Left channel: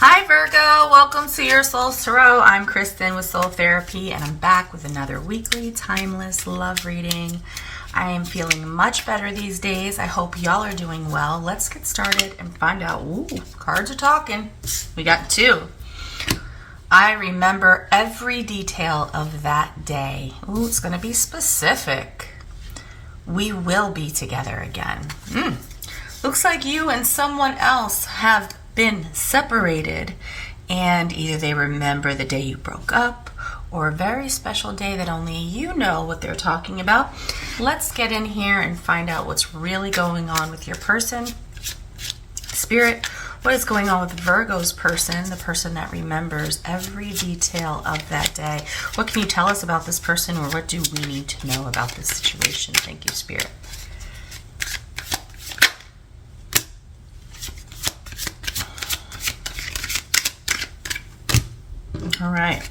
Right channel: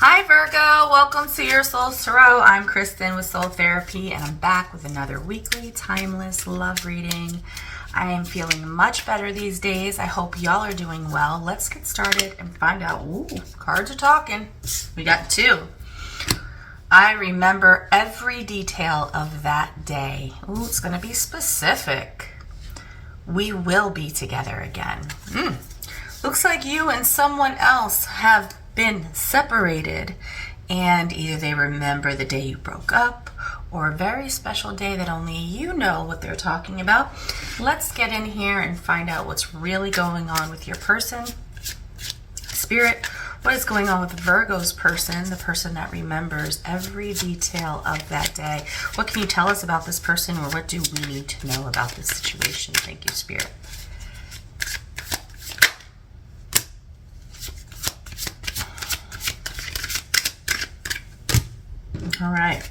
Hi Virgo, welcome to your Soul Tarot. I'm Kristen with Soul Therapy and I'm back with another weekly timeless love reading. I am feeling much better these days. I hope y'all are doing well. Let's get started and find out. Ooh, cards are talking. We got two. I remember every detail of that day. Ooh, it's going to be specific. We will be together again. Looks like you and someone else have been separated, and either they remember the day you broke up or a very special day that only you know what they're talking about. Let's get in here and find out what's really going on with your person. Spirit, what is going on with Virgo's person, the person that remembers every detail of that day? What can you tell us about this person, or what do we need to know about this situation? Thank you, Spirit. All right.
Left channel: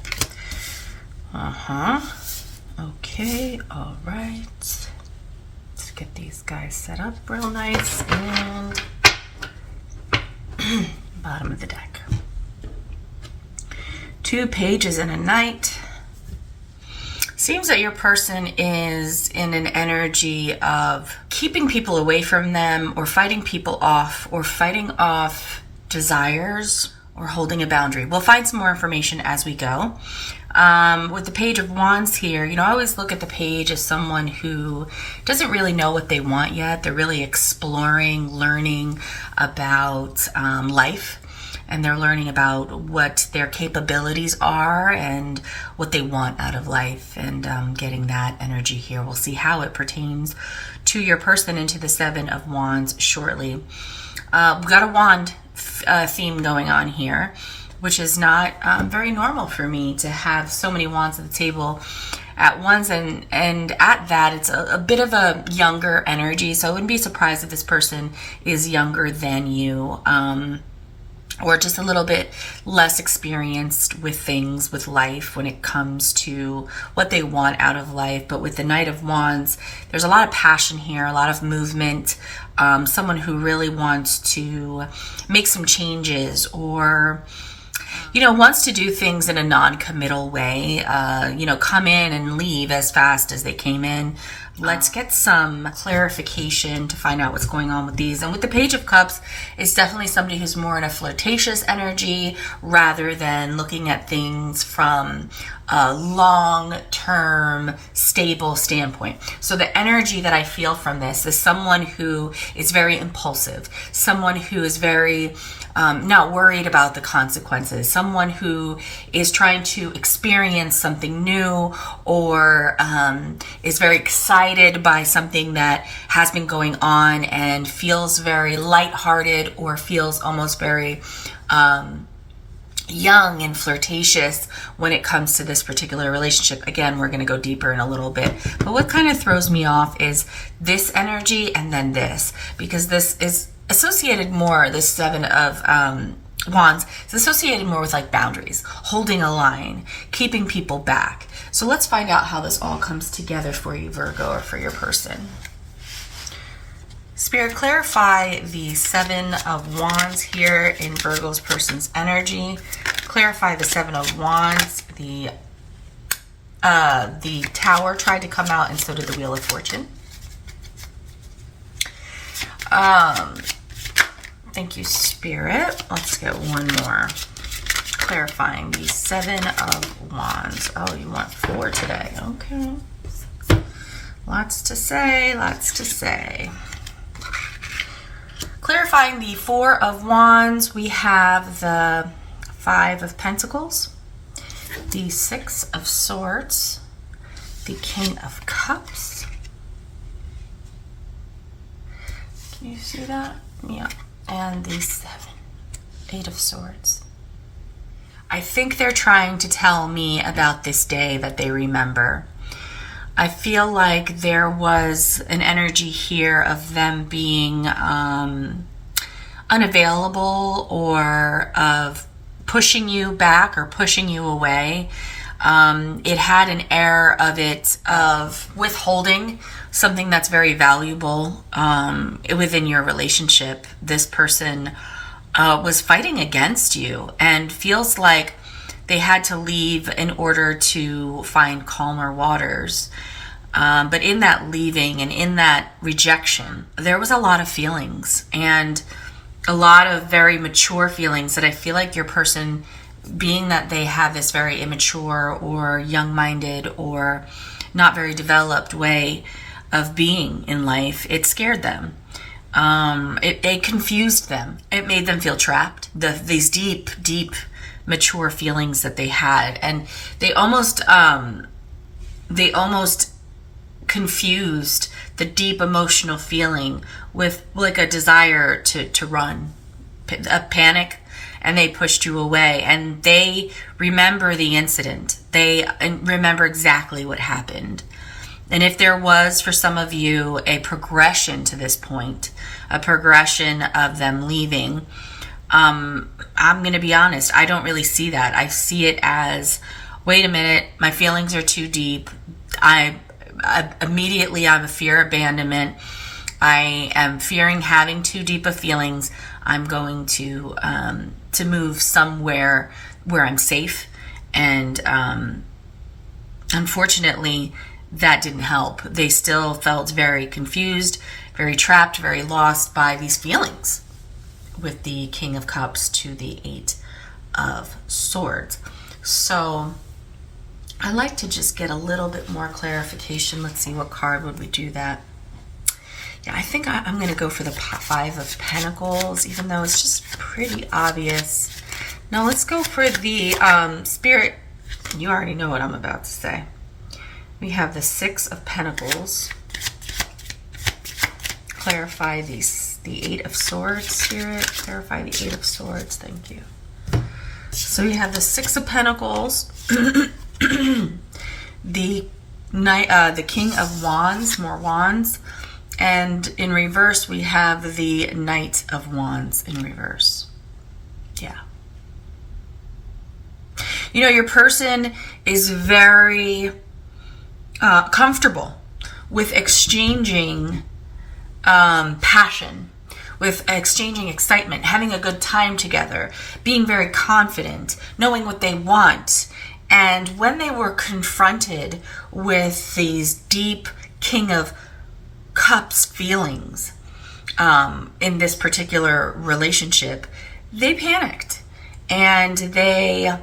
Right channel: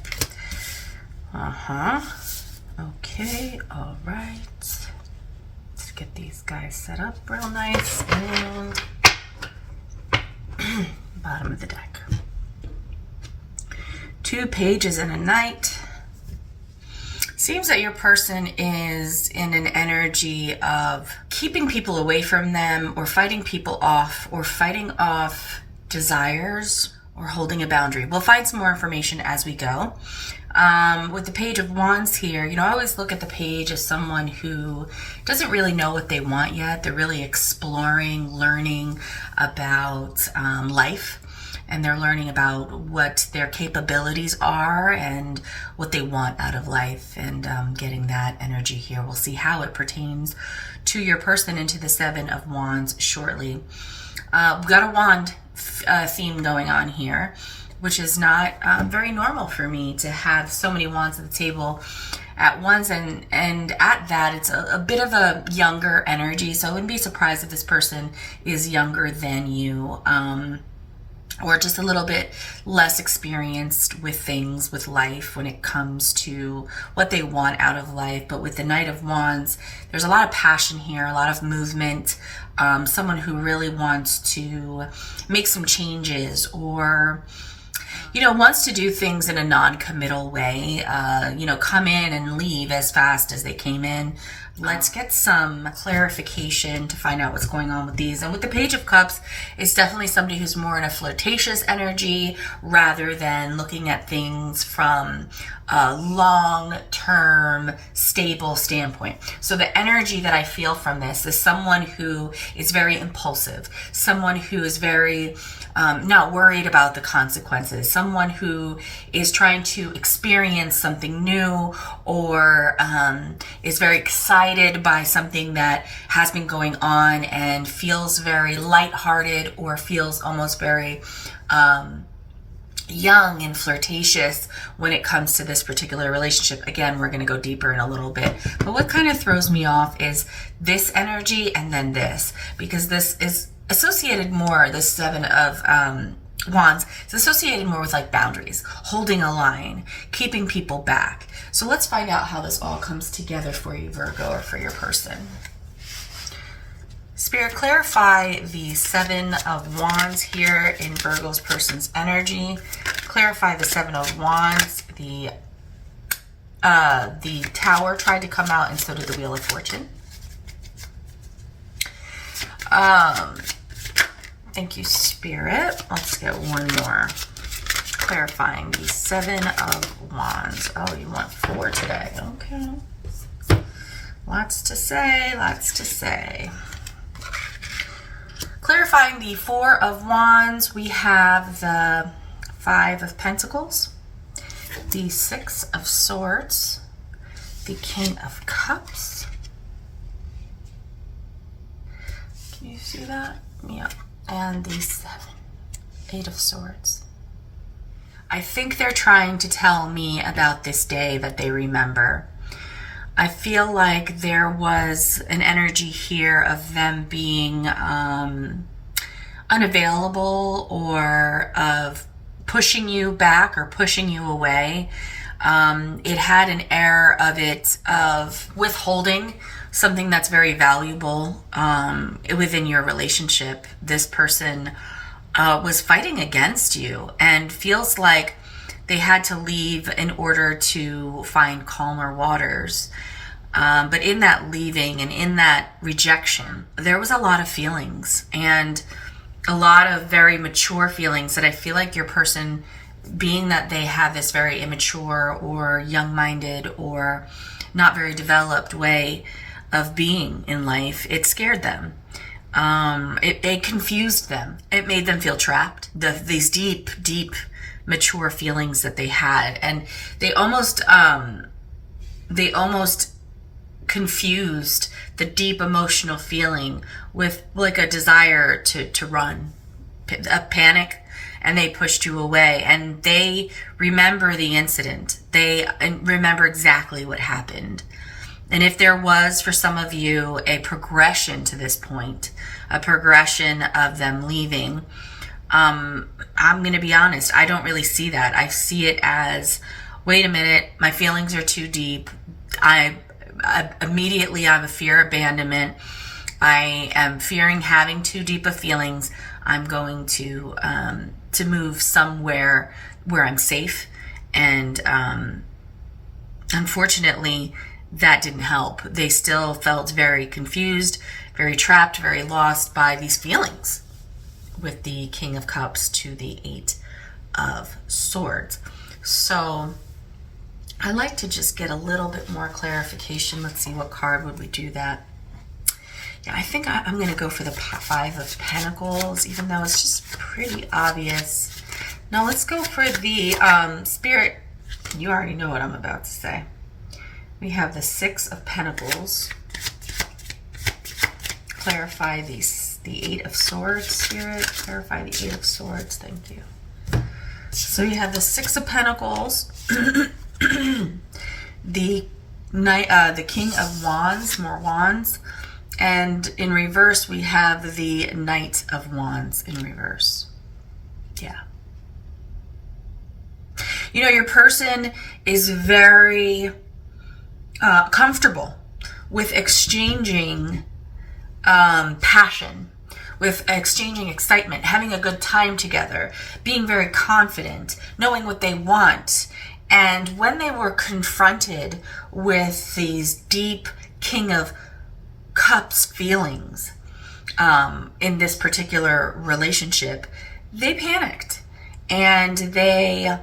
Okay, all right. Let's get these guys set up real nice. And bottom of the deck. 2 pages and a knight. Seems that your person is in an energy of keeping people away from them, or fighting people off, or fighting off desires, or holding a boundary. We'll find some more information as we go. With the Page of Wands here, I always look at the page as someone who doesn't really know what they want yet. They're really exploring, learning about life, and they're learning about what their capabilities are and what they want out of life, and getting that energy here. We'll see how it pertains to your person and to the Seven of Wands shortly. We've got a wand theme going on here, which is not very normal for me to have so many wands at the table at once, and at that it's a bit of a younger energy, so I wouldn't be surprised if this person is younger than you, or just a little bit less experienced with things, with life, when it comes to what they want out of life. But with the Knight of Wands, there's a lot of passion here, a lot of movement, someone who really wants to make some changes, or wants to do things in a non-committal way, come in and leave as fast as they came in. Let's get some clarification to find out what's going on with these. And with the Page of Cups, it's definitely somebody who's more in a flirtatious energy rather than looking at things from a long-term, stable standpoint. So the energy that I feel from this is someone who is very impulsive, someone who is very not worried about the consequences, someone who is trying to experience something new, or is very excited by something that has been going on and feels very lighthearted, or feels almost very young and flirtatious when it comes to this particular relationship. Again, we're going to go deeper in a little bit, but what kind of throws me off is this energy and then this, because this is associated more, the Seven of Wands, it's associated more with like boundaries, holding a line, keeping people back. So let's find out how this all comes together for you, Virgo, or for your person. Spirit, clarify the Seven of Wands here in Virgo's person's energy. Clarify the Seven of Wands. The Tower tried to come out, and so did the Wheel of Fortune. Thank you, Spirit. Let's get one more. Clarifying the Seven of Wands. Oh, you want 4 today. Okay. Lots to say, lots to say. Clarifying the Four of Wands, we have the Five of Pentacles, the Six of Swords, the King of Cups. Can you see that? Yeah. And the Eight of Swords. I think they're trying to tell me about this day that they remember. I feel like there was an energy here of them being unavailable, or of pushing you back or pushing you away. It had an air of withholding something that's very valuable within your relationship. This person was fighting against you and feels like they had to leave in order to find calmer waters. But in that leaving and in that rejection, there was a lot of feelings and a lot of very mature feelings that I feel like your person, being that they have this very immature or young-minded or not very developed way of being in life, it scared them. It confused them. It made them feel trapped. These deep, deep, mature feelings that they had, and they almost confused the deep emotional feeling with like a desire to run, a panic, and they pushed you away. And they remember the incident. They remember exactly what happened. And if there was, for some of you, a progression to this point, a progression of them leaving, I'm going to be honest, I don't really see that. I see it as, wait a minute, my feelings are too deep. I immediately have a fear of abandonment. I am fearing having too deep of feelings. I'm going to move somewhere where I'm safe. And unfortunately, that didn't help. They still felt very confused, very trapped, very lost by these feelings, with the King of Cups to the Eight of Swords. So I like to just get a little bit more clarification. Let's see, what card would we do that? Yeah, I think I'm going to go for the Five of Pentacles, even though it's just pretty obvious. Now let's go for the Spirit. You already know what I'm about to say. We have the Six of Pentacles. Clarify the Eight of Swords, Spirit. Clarify the Eight of Swords. Thank you. So we have the Six of Pentacles, the King of Wands, more wands, and in reverse we have the Knight of Wands in reverse. Yeah. You know, your person is very comfortable with exchanging passion, with exchanging excitement, having a good time together, being very confident, knowing what they want. And when they were confronted with these deep King of Cups feelings in this particular relationship, they panicked and they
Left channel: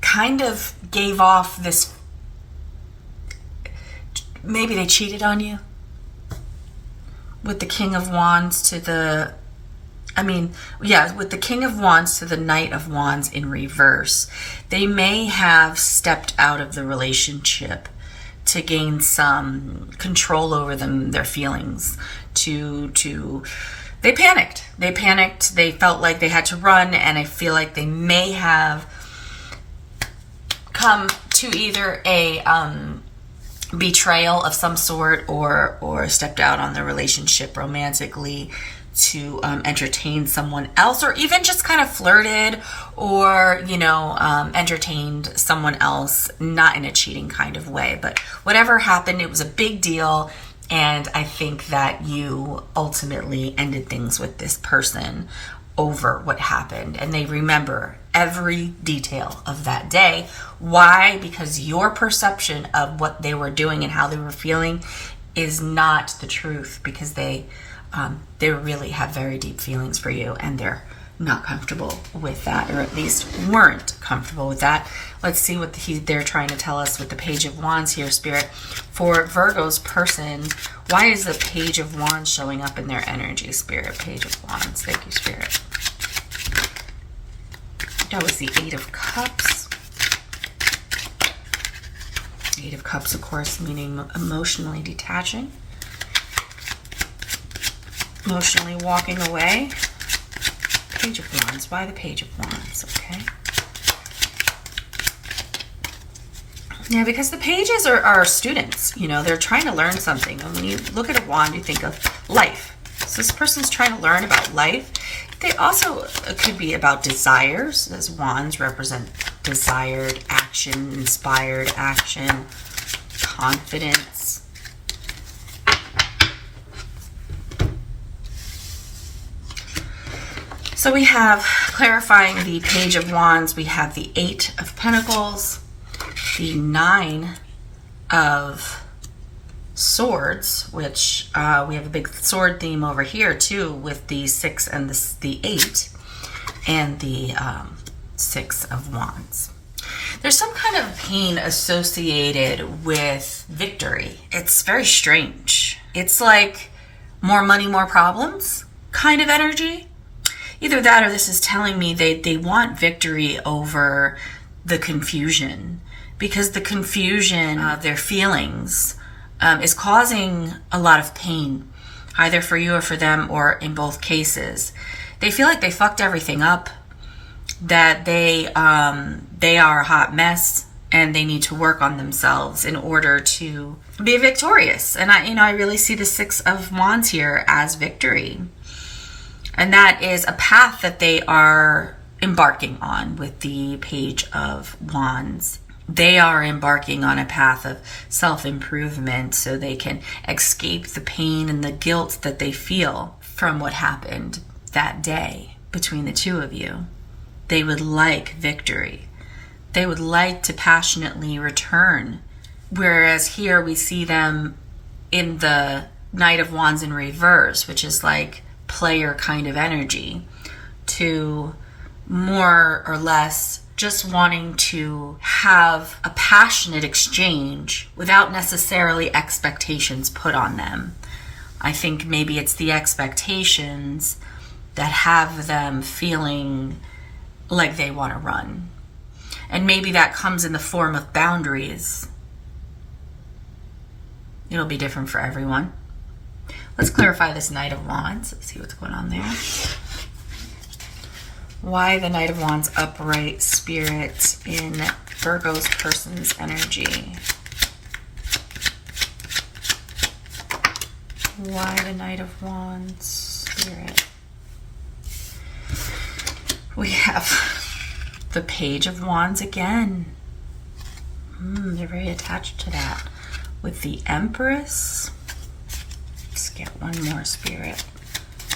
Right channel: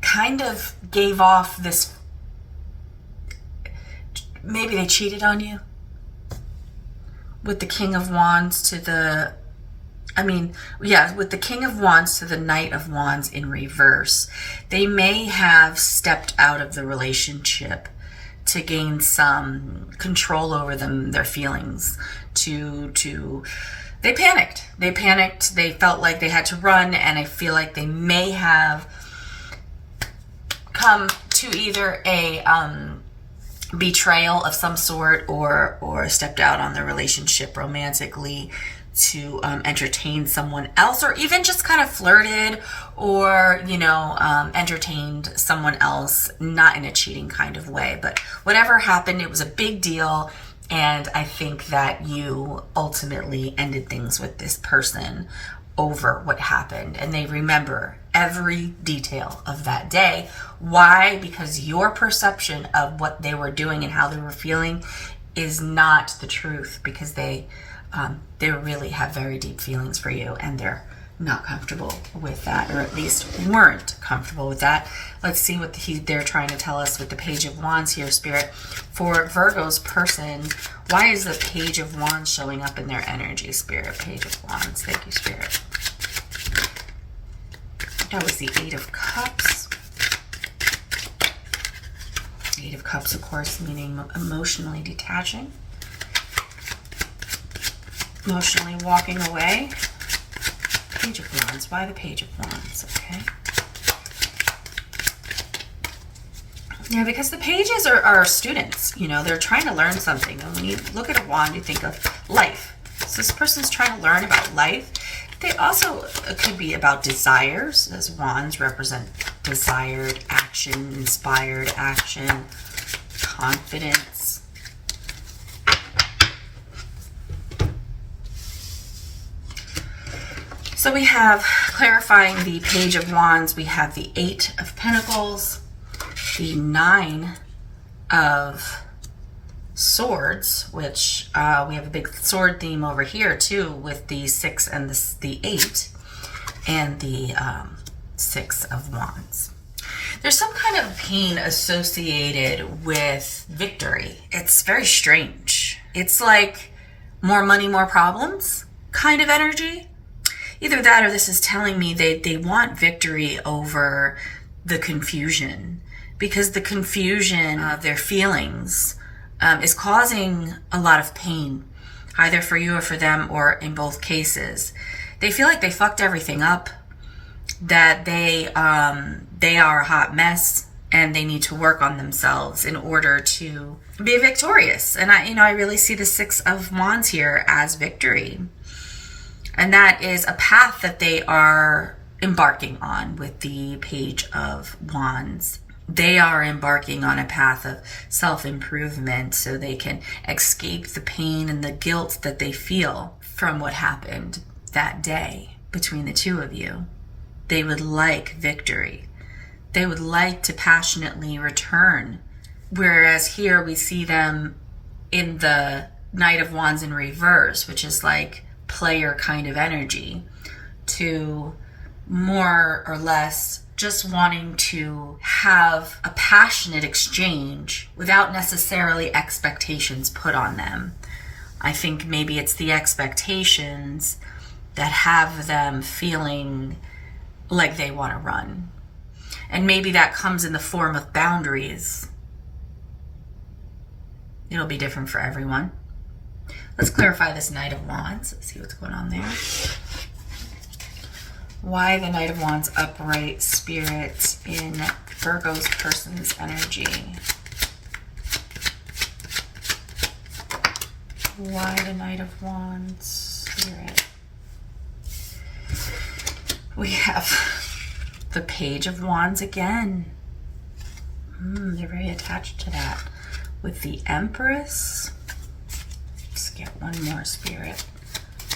kind of gave off this, maybe they cheated on you with the King of Wands to the, with the King of Wands to the Knight of Wands in reverse. They may have stepped out of the relationship to gain some control over their feelings, they panicked. They felt like they had to run, and I feel like they may have come to either a betrayal of some sort or stepped out on the relationship romantically to entertain someone else, or even just kind of flirted or entertained someone else, not in a cheating kind of way. But whatever happened, it was a big deal, and I think that you ultimately ended things with this person over what happened, and they remember every detail of that day. Why? Because your perception of what they were doing and how they were feeling is not the truth, because they really have very deep feelings for you, and they're not comfortable with that, or at least weren't comfortable with that. Let's see what they're trying to tell us with the Page of Wands here, Spirit. For Virgo's person, why is the Page of Wands showing up in their energy, Spirit? Page of Wands. Thank you, Spirit. That was the Eight of Cups. Eight of Cups, of course, meaning emotionally detaching. Emotionally walking away. Page of Wands. Why the Page of Wands? Okay. Yeah, because the pages are students. They're trying to learn something. And when you look at a wand, you think of life. So this person's trying to learn about life. They also could be about desires, as wands represent desired action, inspired action, confidence. So we have, clarifying the Page of Wands, we have the 8 of Pentacles, the 9 of Swords, which we have a big sword theme over here too, with the 6 and the 8, and the 6 of Wands. There's some kind of pain associated with victory. It's very strange. It's like more money, more problems kind of energy. Either that, or this is telling me they want victory over the confusion, because the confusion of their feelings is causing a lot of pain, either for you or for them, or in both cases. They feel like they fucked everything up, that they are a hot mess, and they need to work on themselves in order to be victorious. And I really see the 6 of Wands here as victory. And that is a path that they are embarking on with the Page of Wands. They are embarking on a path of self-improvement so they can escape the pain and the guilt that they feel from what happened that day between the two of you. They would like victory. They would like to passionately return. Whereas here we see them in the Knight of Wands in reverse, which is like player kind of energy, to more or less just wanting to have a passionate exchange without necessarily expectations put on them. I think maybe it's the expectations that have them feeling like they want to run. And maybe that comes in the form of boundaries. It'll be different for everyone. Let's clarify this Knight of Wands. Let's see what's going on there. Why the Knight of Wands upright, Spirit, in Virgo's person's energy? Why the Knight of Wands, Spirit? We have the Page of Wands again. They're very attached to that. With the Empress. Let's get one more, Spirit.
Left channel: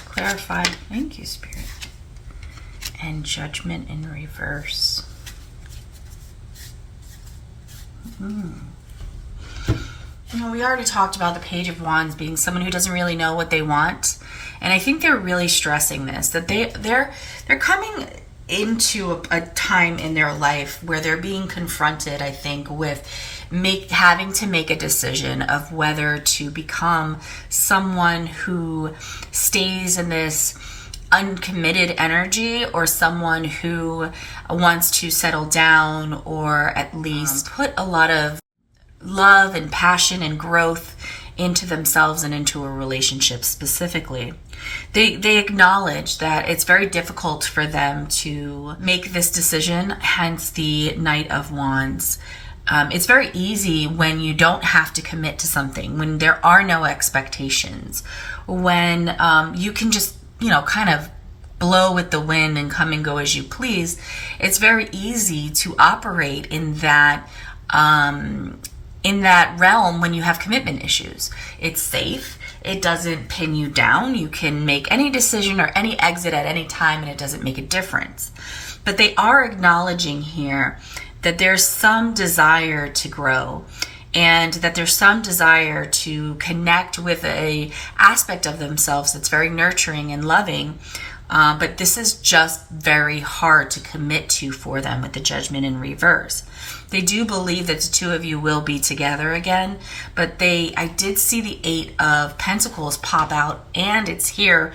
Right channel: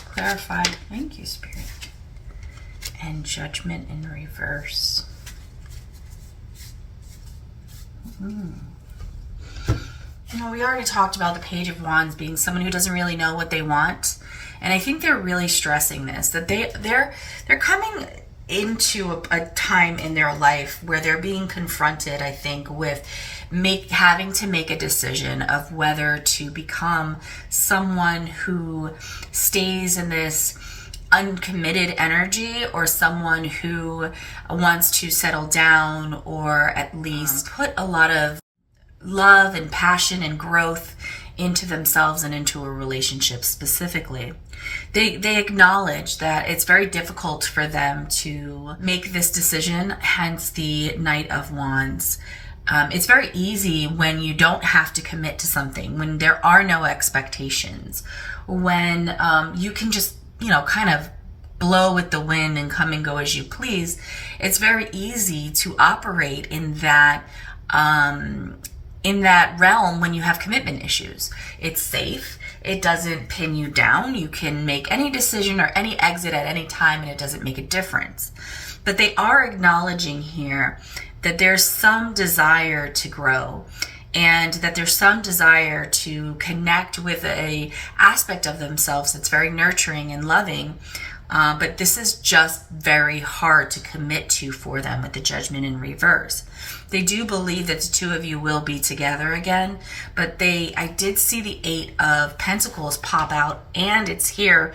Clarify. Thank you, Spirit. And Judgment in reverse. We already talked about the Page of Wands being someone who doesn't really know what they want. And I think they're really stressing this, that they're coming into a time in their life where they're being confronted, I think, with having to make a decision of whether to become someone who stays in this uncommitted energy, or someone who wants to settle down, or at least put a lot of love and passion and growth into themselves and into a relationship specifically. They acknowledge that it's very difficult for them to make this decision, hence the Knight of Wands. It's very easy when you don't have to commit to something, when there are no expectations, when you can just, kind of blow with the wind and come and go as you please. It's very easy to operate in that realm when you have commitment issues. It's safe. It doesn't pin you down. You can make any decision or any exit at any time, and it doesn't make a difference. But they are acknowledging here that there's some desire to grow, and that there's some desire to connect with a aspect of themselves that's very nurturing and loving. But this is just very hard to commit to for them with the Judgment in reverse. They do believe that the two of you will be together again, but I did see the 8 of Pentacles pop out, and it's here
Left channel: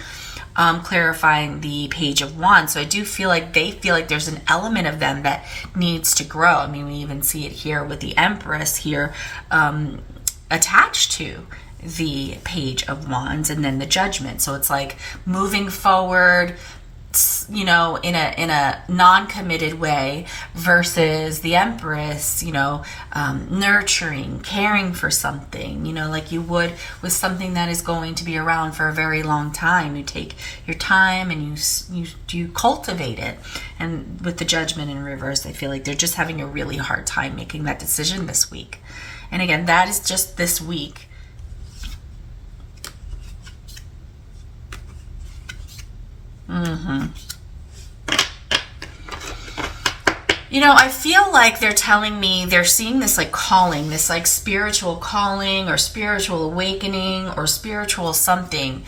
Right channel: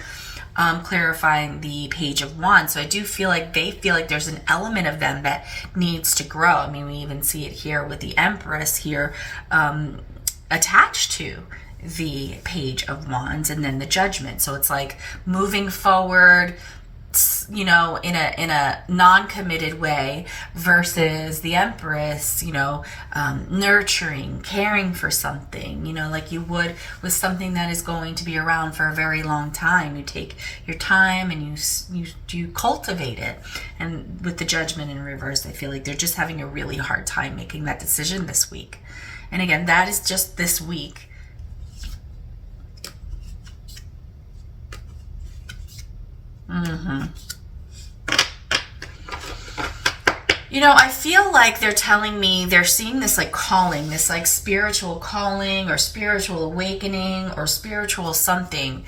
clarifying the Page of Wands. So I do feel like they feel like there's an element of them that needs to grow. I mean, we even see it here with the Empress here attached to the Page of Wands, and then the Judgment. So it's like moving forward, in a non-committed way, versus the Empress, nurturing, caring for something, like you would with something that is going to be around for a very long time. You take your time and you cultivate it. And with the Judgment in reverse, I feel like they're just having a really hard time making that decision this week. And again, that is just this week. You know, I feel like they're telling me they're seeing this like calling, this like spiritual calling or spiritual awakening or spiritual something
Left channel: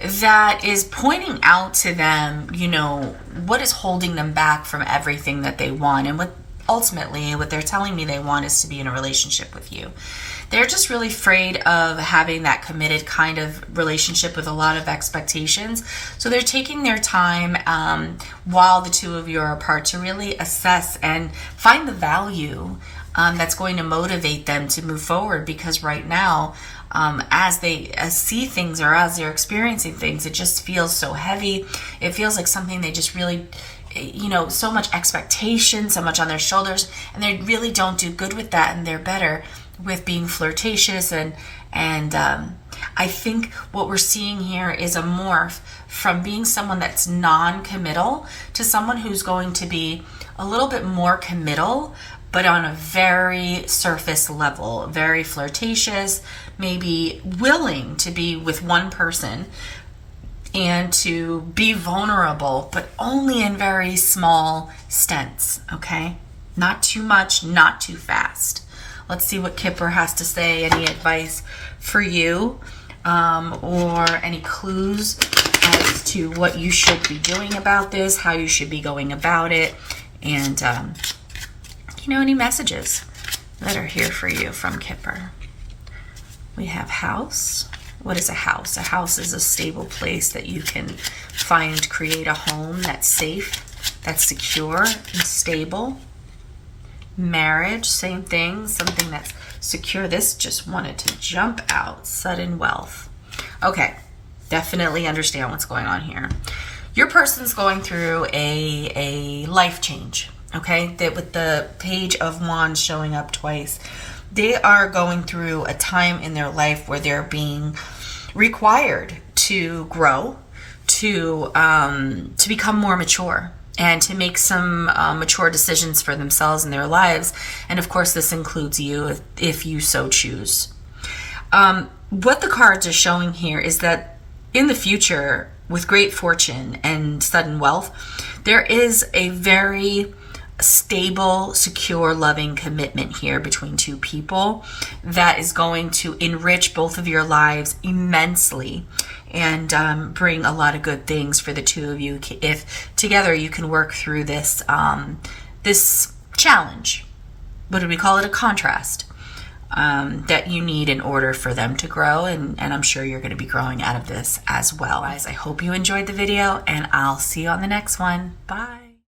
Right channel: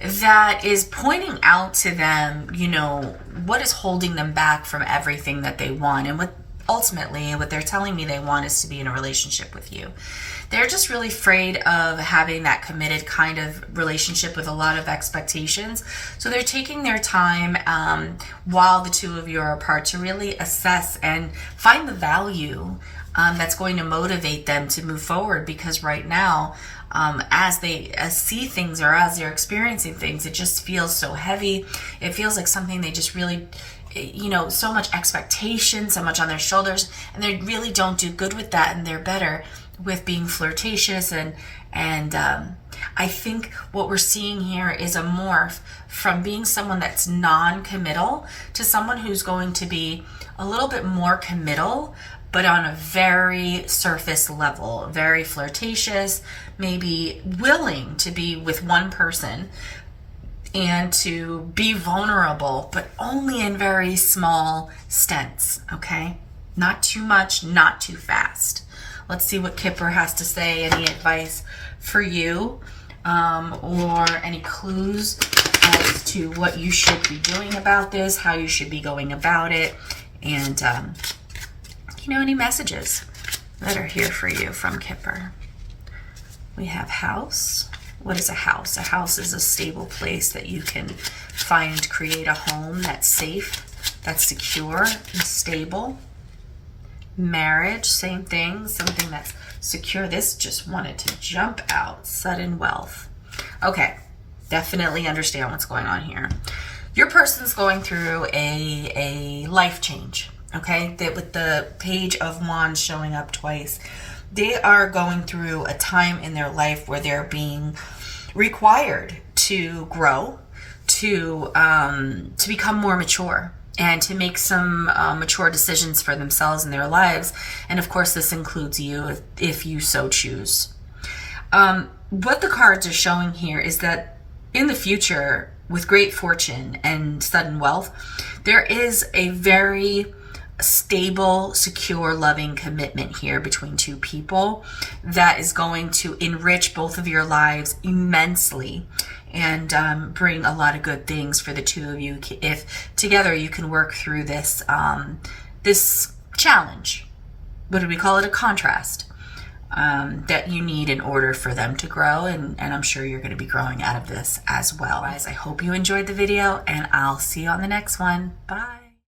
that is pointing out to them, you know, what is holding them back from everything that they want. And what ultimately what they're telling me they want is to be in a relationship with you. They're just really afraid of having that committed kind of relationship with a lot of expectations. So they're taking their time while the two of you are apart to really assess and find the value that's going to motivate them to move forward. Because right now, as they see things or as they're experiencing things, it just feels so heavy. It feels like something they just really, you know, so much expectation, so much on their shoulders, and they really don't do good with that, and they're better with being flirtatious. And I think what we're seeing here is a morph from being someone that's non-committal to someone who's going to be a little bit more committal, but on a very surface level, very flirtatious, maybe willing to be with one person and to be vulnerable, but only in very small stints, okay? Not too much, not too fast. Let's see what Kipper has to say. Any advice for you or any clues as to what you should be doing about this, how you should be going about it, and, you know, any messages that are here for you from Kipper. We have house. What is a house? A house is a stable place that you can find, create a home that's safe, that's secure and stable. Marriage, same thing, something that's secure. This just wanted to jump out. Sudden wealth. Okay, definitely understand what's going on here. Your person's going through a life change, okay? That with the Page of Wands showing up twice, they are going through a time in their life where they're being required to grow, to become more mature, and to make some mature decisions for themselves and their lives. And of course, this includes you if you so choose. What the cards are showing here is that in the future, with great fortune and sudden wealth, there is a very stable, secure, loving commitment here between two people that is going to enrich both of your lives immensely and bring a lot of good things for the two of you if together you can work through this this challenge. What do we call it? A contrast that you need in order for them to grow, and I'm sure you're going to be growing out of this as well. Guys, I hope you enjoyed the video, and I'll see you on the next one. Bye.